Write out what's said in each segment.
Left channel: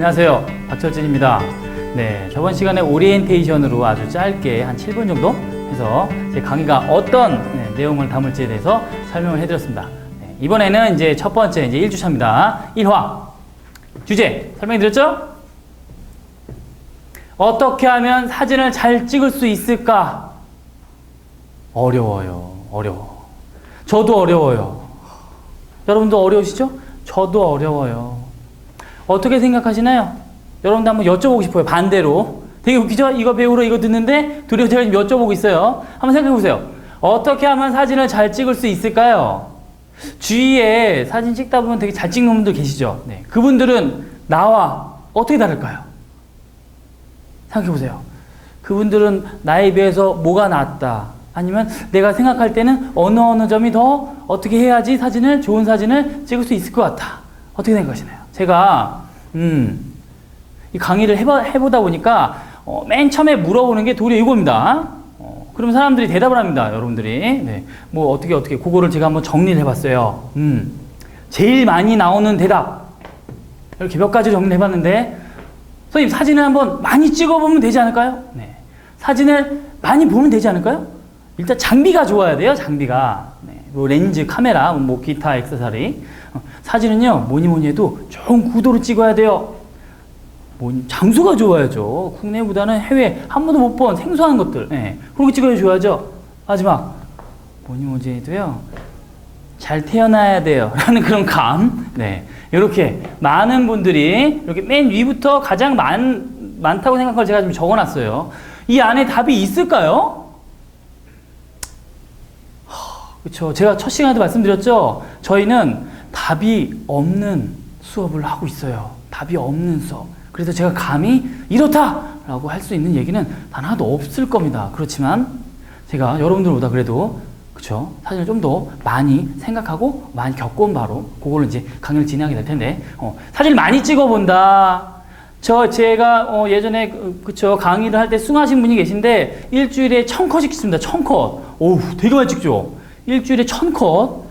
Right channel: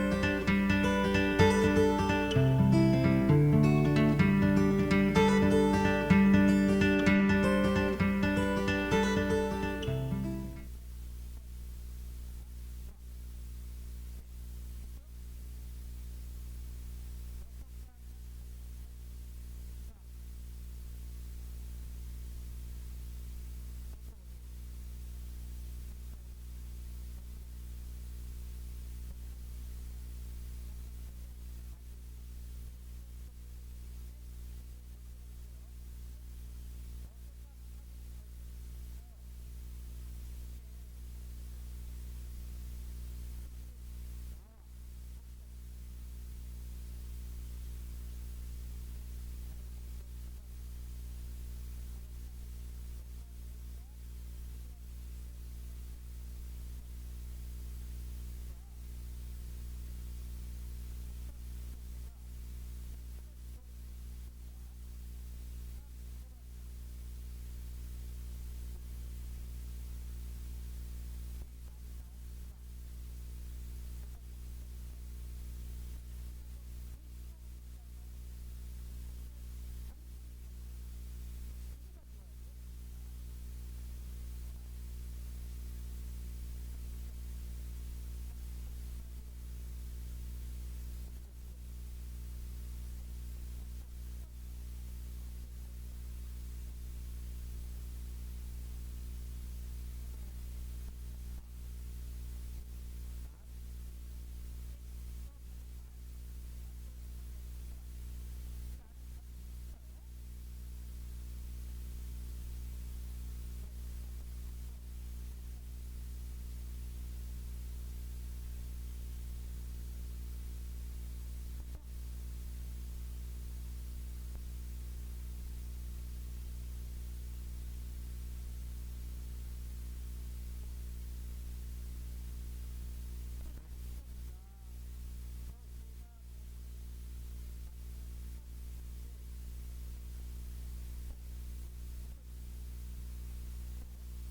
안녕하세요. 박철진입니다. 네, 저번 시간에 오리엔테이션으로 아주 짧게 한 7분 정도 해서 제 강의가 어떤 네, 내용을 담을지에 대해서 설명을 해드렸습니다. 네, 이번에는 이제 첫 번째 이제 1주차입니다. 1화. 주제 설명드렸죠? 어떻게 하면 사진을 잘 찍을 수 있을까? 어려워요. 어려워. 저도 어려워요. 여러분도 어려우시죠? 저도 어려워요. 어떻게 생각하시나요? 여러분도 한번 여쭤보고 싶어요. 반대로. 되게 웃기죠? 이거 배우러 이거 듣는데 둘이 제가 지금 여쭤보고 있어요. 한번 생각해 보세요. 어떻게 하면 사진을 잘 찍을 수 있을까요? 주위에 사진 찍다 보면 되게 잘 찍는 분들 계시죠? 네. 그분들은 나와 어떻게 다를까요? 생각해 보세요. 그분들은 나에 비해서 뭐가 낫다. 아니면 내가 생각할 때는 어느 어느 점이 더 어떻게 해야지 사진을 좋은 사진을 찍을 수 있을 것 같아. 어떻게 생각하시나요? 제가 음, 이 강의를 해보, 해보다 보니까 어, 맨 처음에 물어보는 게 도리어 이겁니다. 어, 그러면 사람들이 대답을 합니다. 여러분들이 네. 뭐 어떻게 어떻게 그거를 제가 한번 정리를 해봤어요. 음, 제일 많이 나오는 대답 이렇게 몇 가지 정리를 해봤는데 선생님 사진을 한번 많이 찍어보면 되지 않을까요? 네. 사진을 많이 보면 되지 않을까요? 일단 장비가 좋아야 돼요. 장비가 네. 뭐 렌즈, 카메라, 뭐 기타 액세서리 어, 사진은요 뭐니 뭐니 해도 좋은 구도로 찍어야 돼요. 뭐 장소가 좋아야죠. 국내보다는 해외 한 번도 못 본 생소한 것들 네. 그렇게 찍어줘야죠. 마지막 뭐니 뭐니 해도요 잘 태어나야 돼요. 라는 그런 감. 네. 이렇게 많은 분들이 이렇게 맨 위부터 가장 많, 많다고 생각한 걸 제가 좀 적어 놨어요. 이 안에 답이 있을까요? 그렇죠. 제가 첫 시간에도 말씀드렸죠. 저희는 답이 없는 수업을 하고 있어요. 답이 없는 수업. 그래서 제가 감히 이렇다라고 할 수 있는 얘기는 단 하나도 없을 겁니다. 그렇지만 제가 여러분들보다 그래도 그렇죠. 사진을 좀더 많이 생각하고 많이 겪어온 바로 그걸로 이제 강의를 진행하게 될 텐데 어, 사진을 많이 찍어본다. 저 제가 어, 예전에 그- 그쵸 강의를 할 때 숭하신 분이 계신데 일주일에 천 컷씩 찍습니다. 천 컷. 오우 되게 많이 찍죠. 일주일에 천 컷.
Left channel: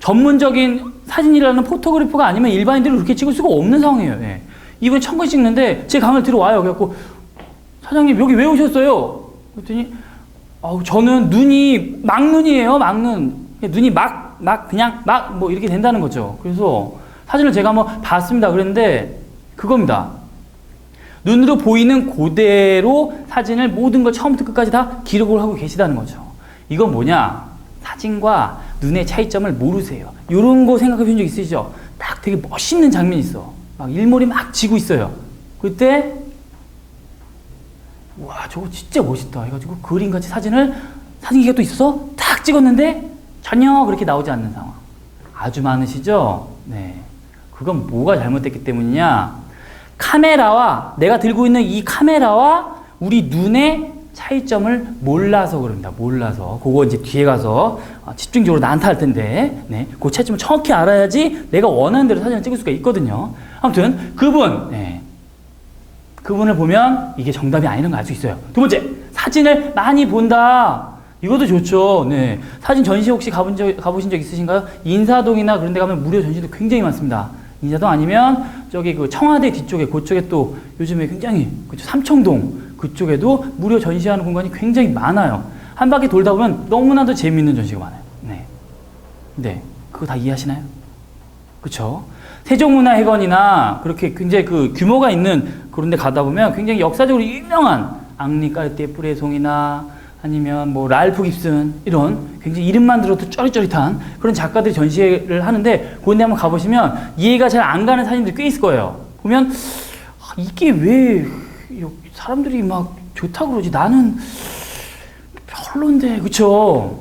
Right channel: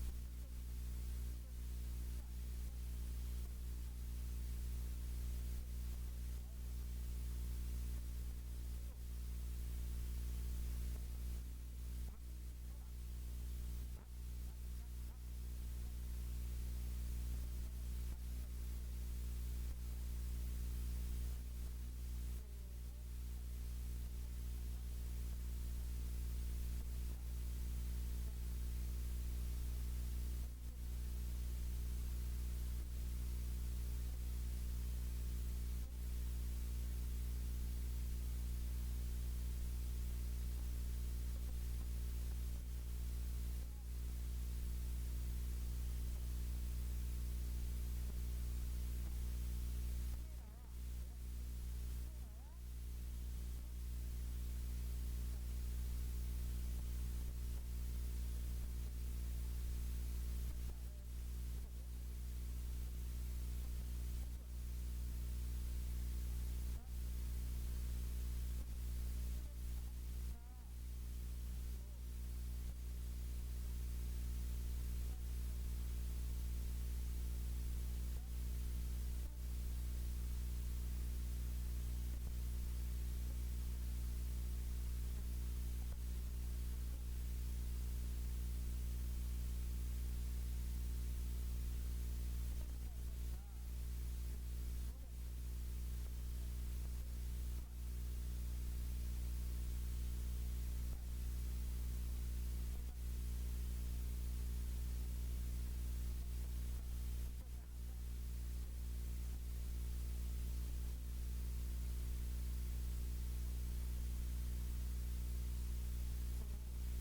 전문적인 사진이라는 포토그래퍼가 아니면 일반인들은 그렇게 찍을 수가 없는 상황이에요. 예. 이분이 천컷 찍는데 제 강의를 들어와요. 그래갖고 사장님 여기 왜 오셨어요? 그랬더니 아우 저는 눈이 막눈이에요. 막눈. 눈이 막 막 그냥 막 뭐 이렇게 된다는 거죠. 그래서 사진을 제가 한번 봤습니다. 그랬는데 그겁니다. 눈으로 보이는 그대로 사진을 모든 걸 처음부터 끝까지 다 기록을 하고 계시다는 거죠. 이건 뭐냐? 사진과 눈의 차이점을 모르세요. 이런 거 생각해 본 적 있으시죠? 딱 되게 멋있는 장면이 있어. 막 일몰이 막 지고 있어요. 그때 와 저거 진짜 멋있다 해가지고 그림같이 사진을 사진기가 또 있어서 탁 찍었는데 전혀 그렇게 나오지 않는 상황. 아주 많으시죠? 네. 그건 뭐가 잘못됐기 때문이냐? 카메라와 내가 들고 있는 이 카메라와 우리 눈의 차이점을 몰라서 그럽니다. 몰라서. 그거 이제 뒤에 가서 어, 집중적으로 나한테 할 텐데, 네. 그 차이점을 정확히 알아야지 내가 원하는 대로 사진을 찍을 수가 있거든요. 아무튼, 그분, 네. 그분을 보면 이게 정답이 아니라는 걸 알 수 있어요. 두 번째, 사진을 많이 본다. 이것도 좋죠. 네. 사진 전시 혹시 가본 적, 가보신 적 있으신가요? 인사동이나 그런 데 가면 무료 전시도 굉장히 많습니다. 인사동 아니면 저기 그 청와대 뒤쪽에 그쪽에 또 요즘에 굉장히 그쵸 삼청동 그쪽에도 무료 전시하는 공간이 굉장히 많아요. 한 바퀴 돌다 보면 너무나도 재미있는 전시가 많아요. 네. 네. 그거 다 이해하시나요? 그렇죠. 세종문화회관이나 그렇게 굉장히 그 규모가 있는 그런 데 가다 보면 굉장히 역사적으로 유명한 앙리 까르띠에 뿌레송이나 아니면 뭐 랄프 깁슨 이런 굉장히 이름만 들어도 쩌릿쩌릿한 그런 작가들이 전시회를 하는데 그런 데 한번 가보시면 이해가 잘 안 가는 사진들이 꽤 있을 거예요. 보면 아, 이게 왜 사람들이 막 좋다고 그러지 나는 별론데 그쵸?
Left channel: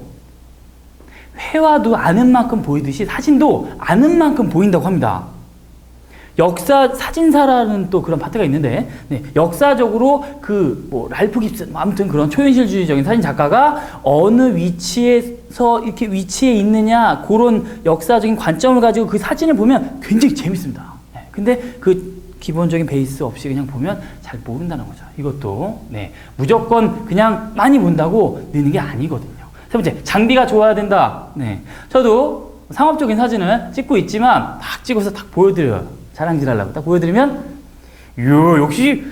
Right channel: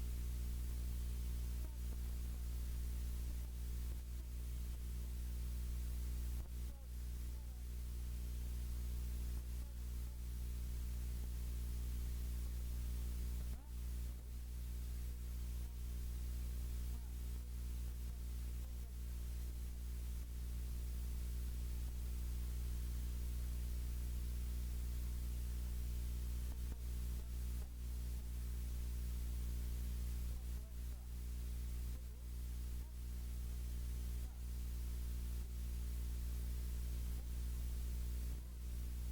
회화도 아는 만큼 보이듯이 사진도 아는 만큼 보인다고 합니다. 역사 사진사라는 또 그런 파트가 있는데 네, 역사적으로 그 뭐 랄프 깁슨 뭐 아무튼 그런 초현실주의적인 사진 작가가 어느 위치에서 이렇게 위치에 있느냐 그런 역사적인 관점을 가지고 그 사진을 보면 굉장히 재밌습니다. 네, 근데 그 기본적인 베이스 없이 그냥 보면 잘 모른다는 거죠. 이것도 네, 무조건 그냥 많이 본다고 느는 게 아니거든요. 세 번째 장비가 좋아야 된다. 네, 저도 상업적인 사진을 찍고 있지만 딱 찍어서 딱 보여드려요. 자랑질하려고 딱 보여드리면 이야, 역시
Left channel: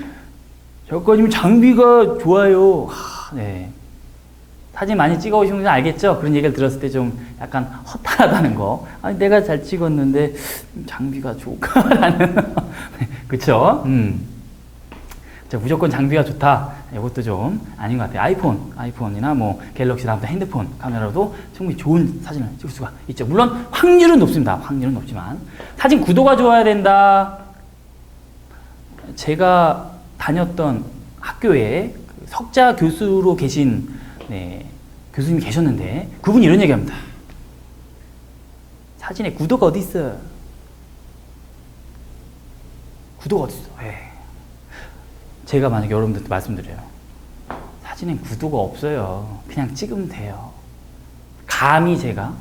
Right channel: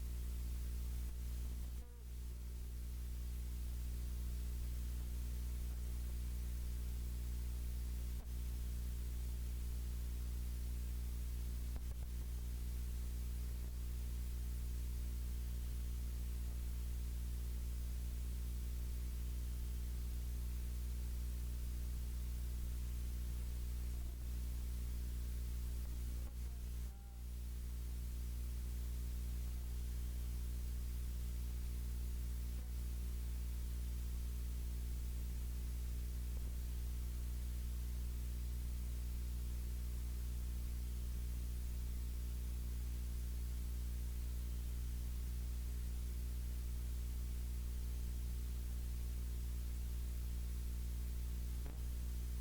작가님 장비가 좋아요. 하, 네. 사진 많이 찍어 오신 분들 알겠죠? 그런 얘기를 들었을 때 좀 약간 허탈하다는 거. 아니, 내가 잘 찍었는데 장비가 좋을까라는. 그쵸? 음. 자, 무조건 장비가 좋다. 이것도 좀 아닌 것 같아요. 아이폰, 아이폰이나 뭐 갤럭시나 아무튼 핸드폰 카메라도 충분히 좋은 사진을 찍을 수가 있죠. 물론 확률은 높습니다. 확률은 높지만 사진 구도가 좋아야 된다. 제가 다녔던 학교에 그 석자 교수로 계신 네, 교수님이 계셨는데 그분이 이런 얘기합니다. 사진에 구도가 어디 있어? 구도가 어디 있어? 에이. 제가 만약 여러분들한테 말씀드려요. 사진엔 구도가 없어요. 그냥 찍으면 돼요. 감히 제가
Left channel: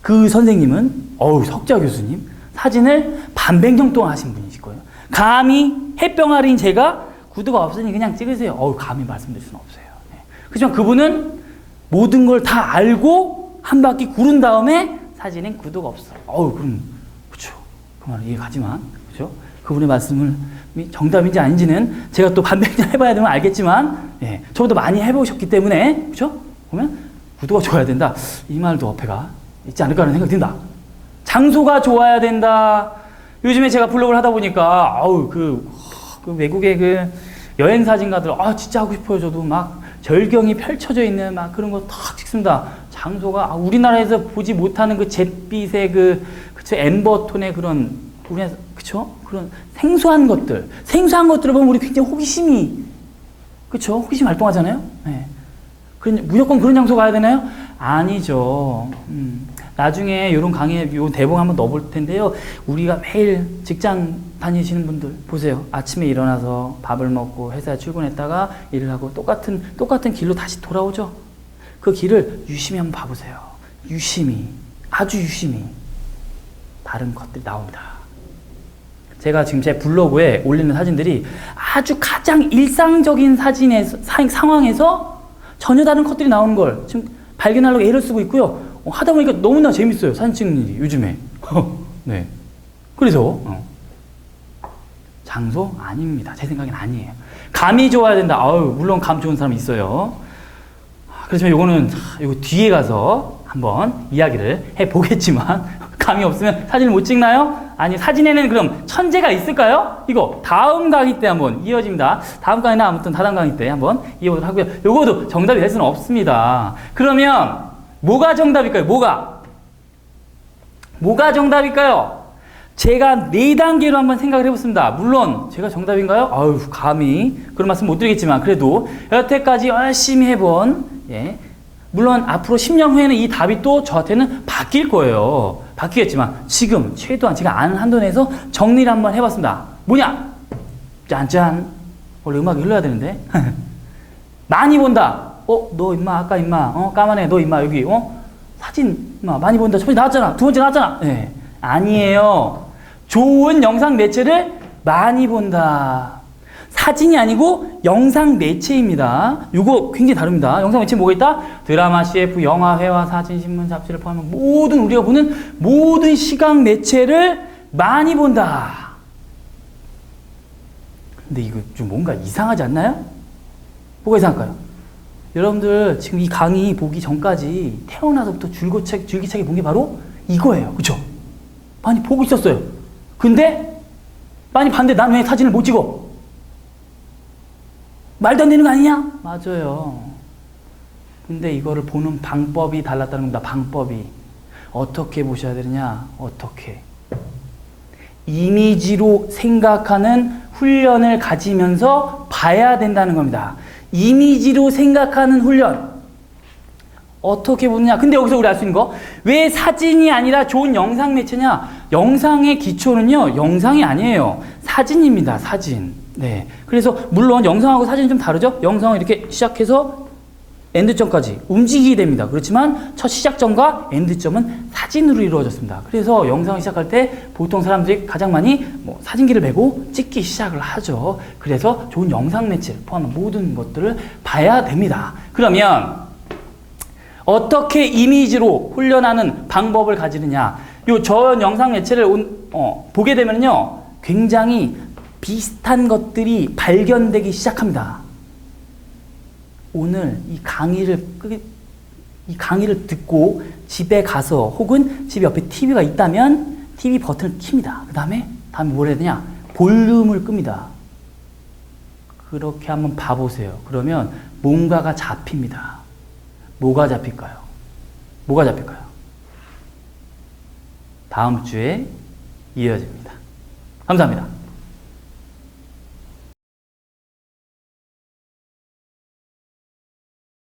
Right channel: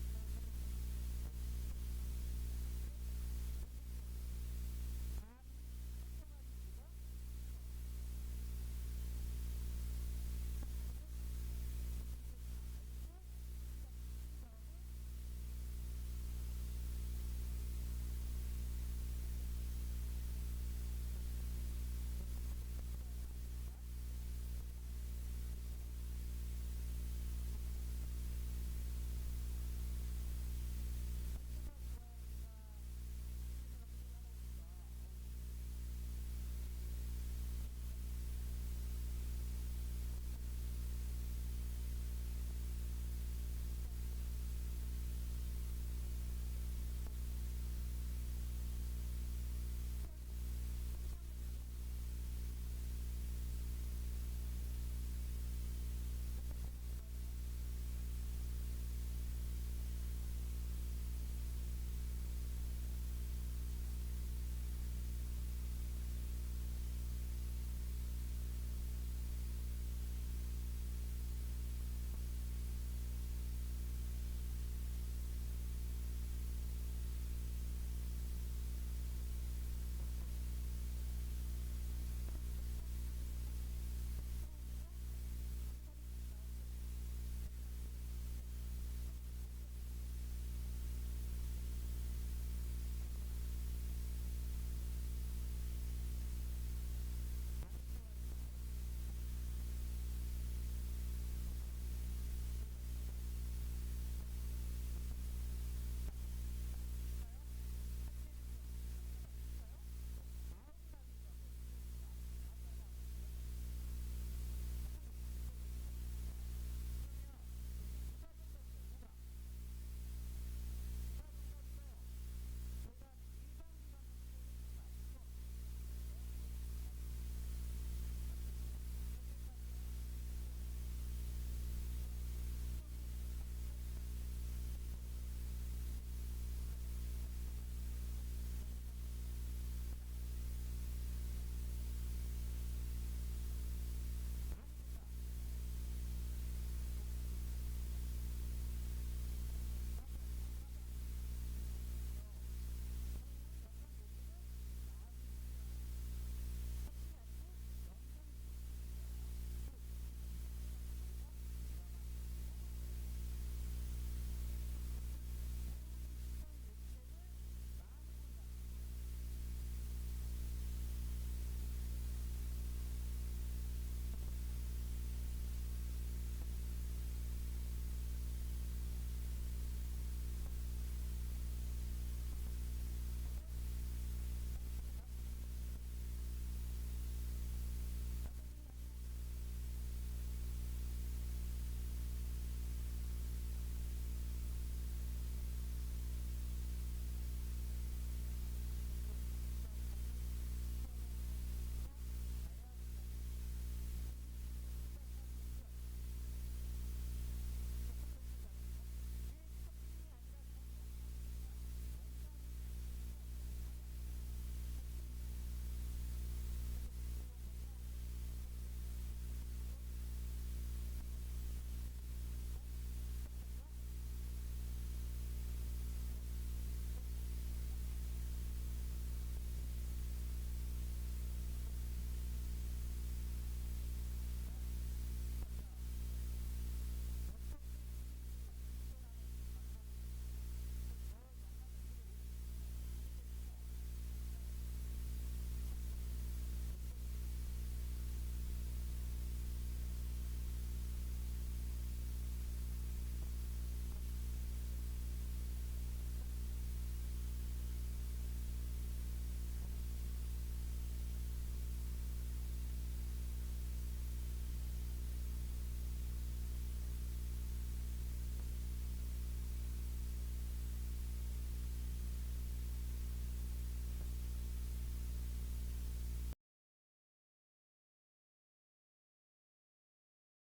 그 선생님은 어우 석자 교수님 사진을 반백년 동안 하신 분이실 거예요. 감히 햇병아리인 제가 구도가 없으니 그냥 찍으세요. 어우 감히 말씀드릴 수는 없어요. 네. 그렇지만 그분은 모든 걸 다 알고 한 바퀴 구른 다음에 사진엔 구도가 없어. 어우 그럼 그렇죠. 그 말은 이해가지만 그분의 말씀을 정답인지 아닌지는 제가 또 반백년 해봐야 되면 알겠지만 예, 저보다 많이 해보셨기 때문에 그렇죠? 보면 구도가 좋아야 된다. 이 말도 어폐가 있지 않을까 하는 생각이 든다. 장소가 좋아야 된다. 요즘에 제가 블로그를 하다 보니까 아우 그, 그 외국의 그 여행 사진가들 아 진짜 하고 싶어요. 저도 막 절경이 펼쳐져 있는 막 그런 거탁 찍습니다. 장소가 아, 우리나라에서 보지 못하는 그 잿빛의 그 그쵸 엠버톤의 그런 우리나라 그쵸 그런 생소한 것들 생소한 것들을 보면 우리 굉장히 호기심이 그쵸 호기심 활동하잖아요. 네. 그런 무조건 그런 장소 가야 되나요? 아니죠. 음. 나중에 이런 강의, 요 대본 한번 넣어볼 텐데요. 우리가 매일 직장 다니시는 분들 보세요. 아침에 일어나서 밥을 먹고 회사에 출근했다가 일을 하고 똑같은 똑같은 길로 다시 돌아오죠. 그 길을 유심히 한번 봐보세요. 유심히, 아주 유심히 다른 것들이 나옵니다. 제가 지금 제 블로그에 올리는 사진들이 아주 가장 일상적인 사진에서 사- 상황에서 전혀 다른 컷들이 나오는 걸 지금 발견하려고 애를 쓰고 있고요. 어, 하다 보니까 너무나 재밌어요. 사진 찍는 일이 요즘에. 네. 그래서 어. 장소 아닙니다. 제 생각엔 아니에요. 감이 좋아야 된다. 아유, 물론 감 좋은 사람 있어요. 아, 그렇지만 요거는 하, 요거 뒤에 가서 한번 이야기를 해 보겠지만 감이 없으면 사진을 못 찍나요? 아니 사진에는 그럼 천재가 있을까요? 이거 다음 강의 때 한번 이어집니다. 다음 강의나 아무튼 다음 강의 때 한번 이어보도록 하고요. 요거도 정답이 될 수는 없습니다. 그러면 뭐가 정답일까요? 뭐가? 뭐가 정답일까요? 제가 네 단계로 한번 생각을 해봤습니다. 물론 제가 정답인가요? 아유 감히 그런 말씀 못 드리겠지만 그래도 여태까지 열심히 해본 예. 물론 앞으로 10년 후에는 이 답이 또 저한테는 바뀔 거예요. 바뀌겠지만 지금 최소한 제가 아는 한도 내에서 정리를 한번 해봤습니다. 뭐냐? 짠짠. 원래 음악이 흘러야 되는데. 많이 본다. 어, 너 임마 아까 임마 어 까만해 너 임마 여기 어 사진 임마 많이 본다. 첫 번째 나왔잖아. 두 번째 나왔잖아. 예. 아니에요. 좋은 영상 매체를 많이 본다. 사진이 아니고 영상 매체입니다. 이거 굉장히 다릅니다. 영상 매체 뭐가 있다? 드라마, CF, 영화, 회화, 사진, 신문, 잡지를 포함한 모든 우리가 보는 모든 시각 매체를 많이 본다. 근데 이거 좀 뭔가 이상하지 않나요? 뭐가 이상할까요? 여러분들 지금 이 강의 보기 전까지 태어나서부터 줄기차게, 줄기차게 본 게 바로 이거예요. 그쵸? 많이 보고 있었어요. 근데 많이 봤는데 난 왜 사진을 못 찍어? 말도 안 되는 거 아니냐? 맞아요. 근데 이거를 보는 방법이 달랐다는 겁니다. 방법이. 어떻게 보셔야 되느냐? 어떻게? 이미지로 생각하는 훈련을 가지면서 봐야 된다는 겁니다. 이미지로 생각하는 훈련. 어떻게 보느냐? 근데 여기서 우리 알 수 있는 거, 왜 사진이 아니라 좋은 영상 매체냐? 영상의 기초는요, 영상이 아니에요. 사진입니다, 사진. 네. 그래서, 물론 영상하고 사진이 좀 다르죠? 영상은 이렇게 시작해서 엔드점까지 움직이게 됩니다. 그렇지만 첫 시작점과 엔드점은 사진으로 이루어졌습니다. 그래서 영상을 시작할 때 보통 사람들이 가장 많이 뭐 사진기를 메고 찍기 시작을 하죠. 그래서 좋은 영상 매체를 포함한 모든 것들을 봐야 됩니다. 그러면 어떻게 이미지로 훈련하는 방법을 가지느냐? 요 전 영상 매체를 온- 어, 보게 되면요, 굉장히 비슷한 것들이 발견되기 시작합니다. 오늘 이 강의를 끄- 이 강의를 듣고 집에 가서 혹은 집 옆에 TV가 있다면 TV 버튼을 킵니다. 그 다음에 다음에 뭘 해야 되냐? 볼륨을 끕니다. 그렇게 한번 봐보세요. 그러면 뭔가가 잡힙니다. 뭐가 잡힐까요? 뭐가 잡힐까요? 다음 주에 이어집니다. 감사합니다.